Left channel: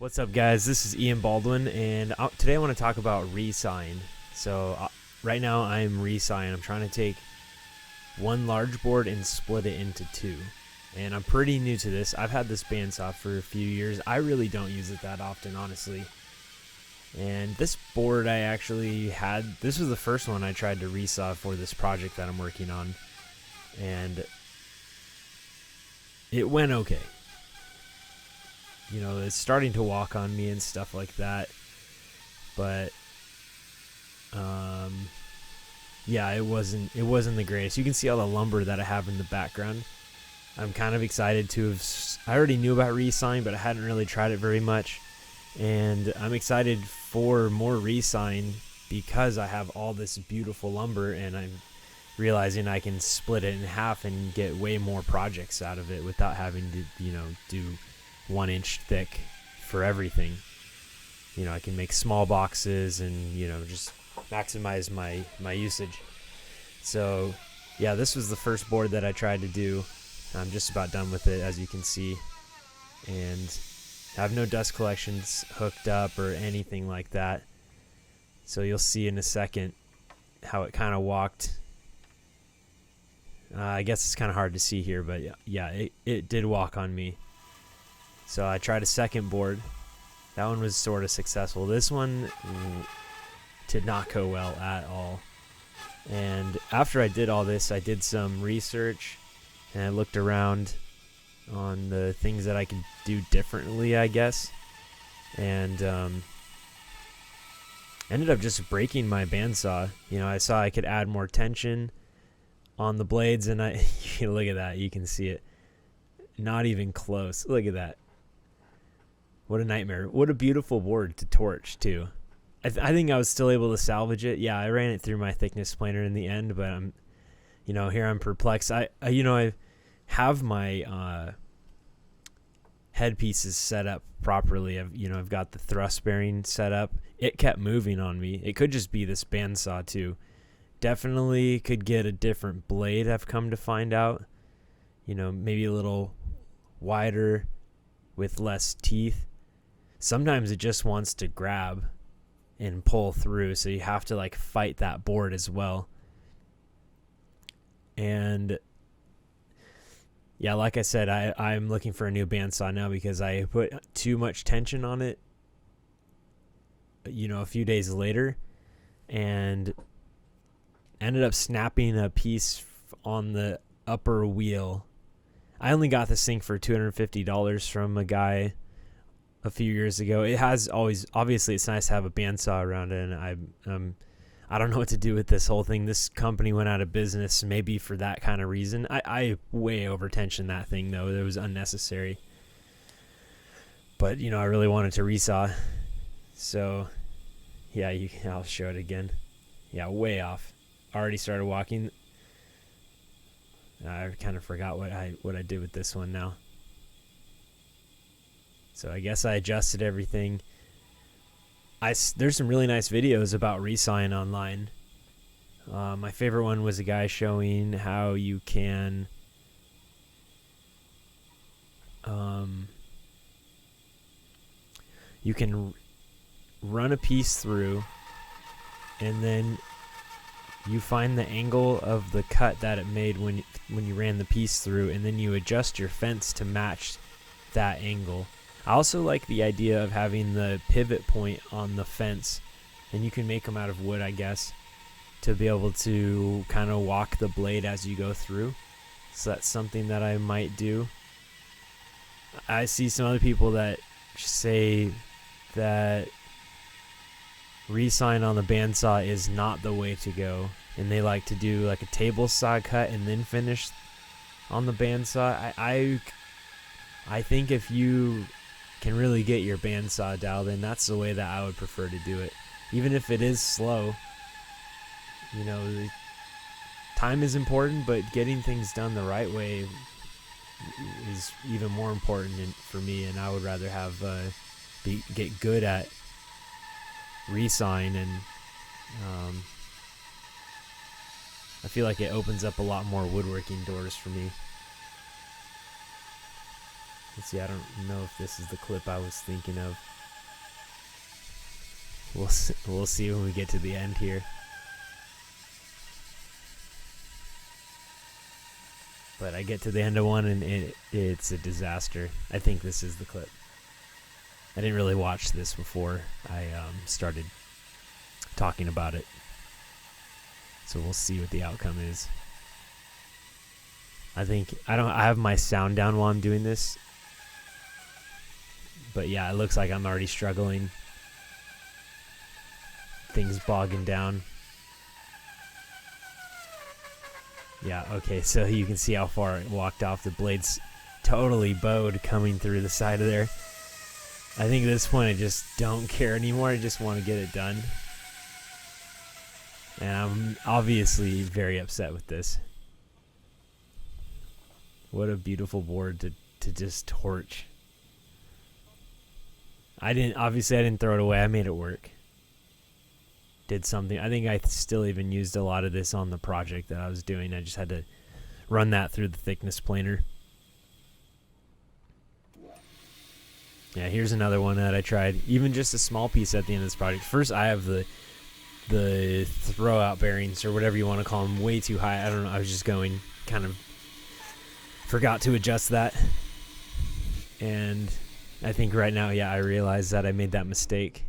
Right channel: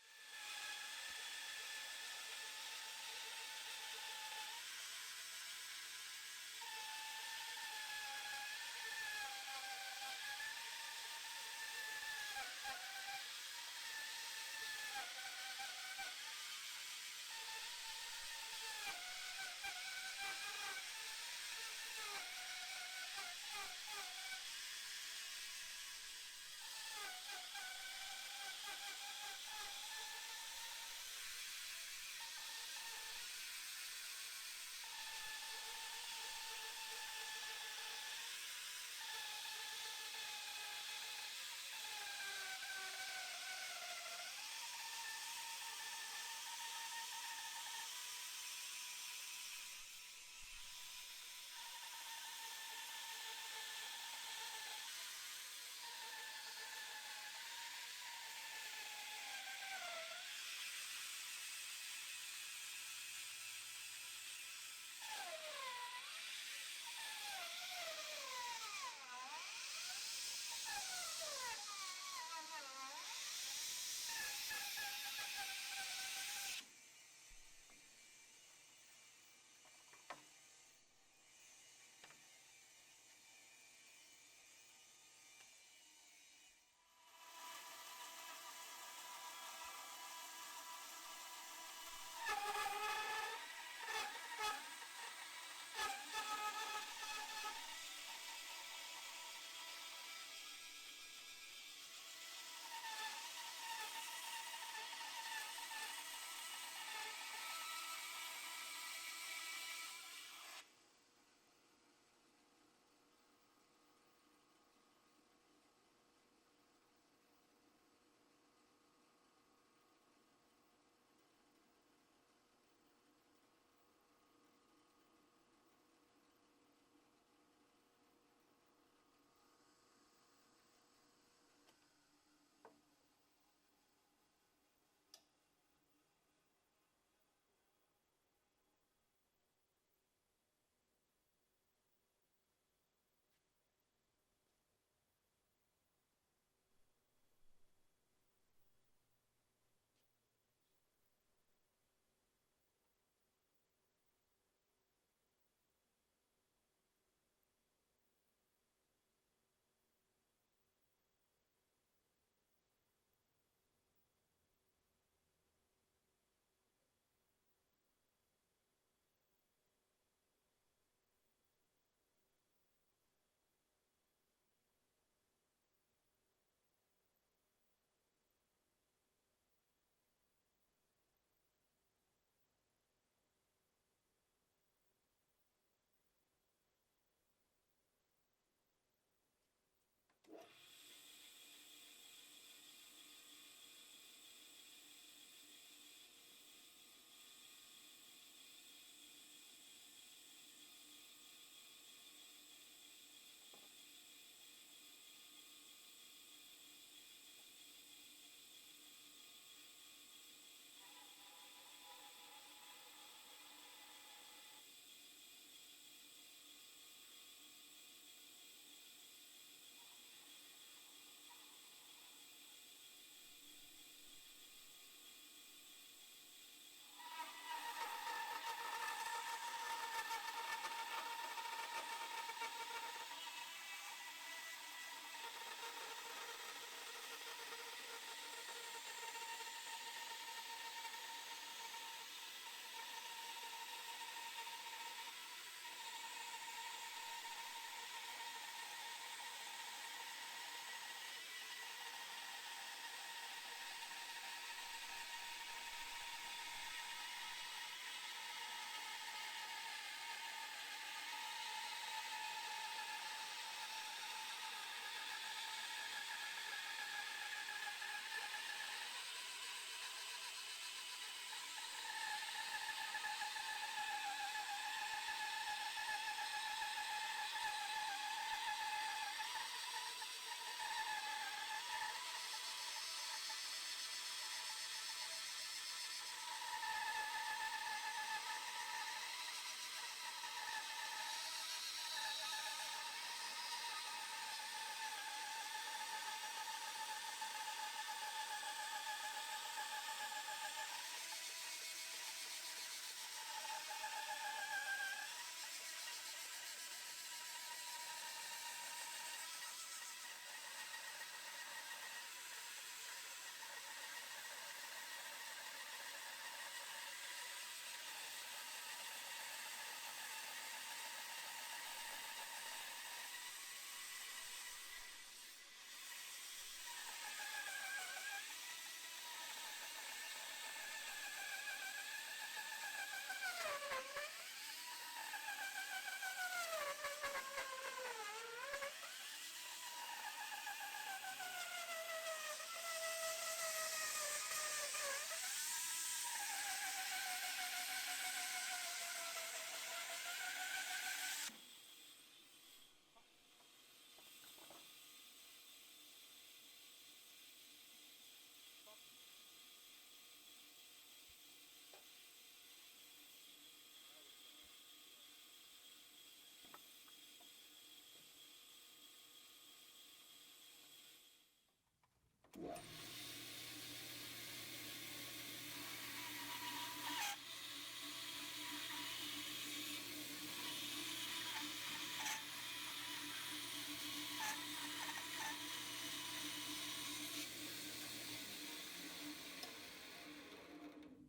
What's up, guys? This is Ian Baldwin, and today I want to talk about resawing. So right now I'm resawing. I'm trying to take one large board and split it into two. And I'm pretty new to this. I've had this bandsaw for a few years. I really don't use it that often, honestly. And this board I actually had, this was the first one I tried to resaw for this project that I'm working on. And it went okay. You know, it's starting to walk on me and stuff like that, but yeah, it wasn't the greatest. You can see all the lumber that I have in the background. I'm kind of excited to have. I already knew about resawing, but I hadn't really tried it very much, and I'm excited for more resawing because I have all this beautiful lumber, and I'm realizing I can split it in half and get way more projects out of it without having to, do 1 inch thick for everything. I can make small boxes and just maximize my usage. So yeah, this was the first board that I tried to do. I'm just about done with it, as you can see, and I have no dust collections hooked up or anything like that, so you'll see in a second how it kind of walked. I guess it's kind of hard to see here, but yeah, it did walk on me. So I tried a second board. That one was sort of successful. This one did not go well at all. And after I did all this, I did some research and I looked around on the things that I could do differently, I guess. And ended up just breaking my bandsaw. I saw I could add more tension on the blades, and look at that. You can see it. Not even close. Look at that. What a nightmare. What a beautiful board to torch, too. I think I was still able to salvage it. Yeah, I ran it through my thickness planer in the end, but here I'm perplexed. I have my headpieces set up properly. I've got the thrust bearing set up. It kept moving on me. It could just be this bandsaw, too. Definitely could get a different blade, I've come to find out. Maybe a little wider with less teeth. Sometimes it just wants to grab and pull through, so you have to fight that board as well. And yeah, like I said, I'm looking for a new bandsaw now because I put too much tension on it a few days later, and ended up snapping a piece on the upper wheel. I only got this thing for $250 from a guy a few years ago. It has always, obviously it's nice to have a bandsaw around it, and I don't know what to do with this whole thing. This company went out of business maybe for that kind of reason. I way over tensioned that thing, though. It was unnecessary. But I really wanted to resaw, so yeah, I'll show it again. Yeah, way off. Already started walking. I kind of forgot what I did with this one now. So I guess I adjusted everything. There's some really nice videos about resawing online. My favorite one was a guy showing how you can run a piece through, and then you find the angle of the cut that it made when you ran the piece through, and then you adjust your fence to match that angle. I also like the idea of having the pivot point on the fence, and you can make them out of wood, I guess, to be able to kind of walk the blade as you go through. So that's something that I might do. I see some other people that say that resawing on the bandsaw is not the way to go, and they like to do like a table saw cut and then finish on the bandsaw. I think if you can really get your bandsaw dialed in, that's the way that I would prefer to do it. Even if it is slow, time is important, but getting things done the right way is even more important for me, and I would rather have get good at resawing, and I feel like it opens up a lot more woodworking doors for me. Let's see, I don't know if this is the clip I was thinking of. We'll see when we get to the end here. But I get to the end of one and it's a disaster. I think this is the clip. I didn't really watch this before I started talking about it. So we'll see what the outcome is. I have my sound down while I'm doing this. But yeah, it looks like I'm already struggling. Things bogging down. Yeah, okay, so you can see how far it walked off. The blade's totally bowed coming through the side of there. I think at this point I just don't care anymore. I just want to get it done. And I'm obviously very upset with this. What a beautiful board to just torch. I didn't throw it away. I made it work. Did something. I think I still even used a lot of this on the project that I was doing. I just had to run that through the thickness planer. Yeah, here's another one that I tried. Even just a small piece at the end of this project. First, I have the throw out bearings or whatever you want to call them way too high. I don't know. I was just going kind of forgot to adjust that. And I think right now, yeah, I realize that I made that mistake.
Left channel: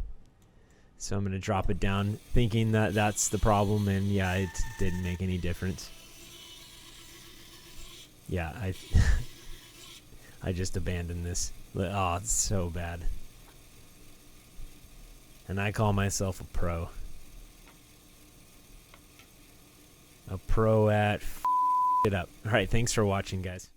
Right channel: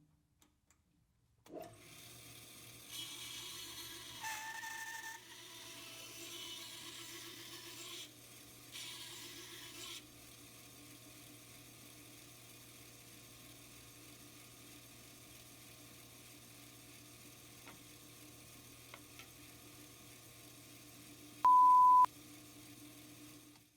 So I'm going to drop it down thinking that that's the problem, and yeah, it didn't make any difference. Yeah, I just abandoned this. Oh, it's so bad. And I call myself a pro. A pro at it up. All right, thanks for watching, guys.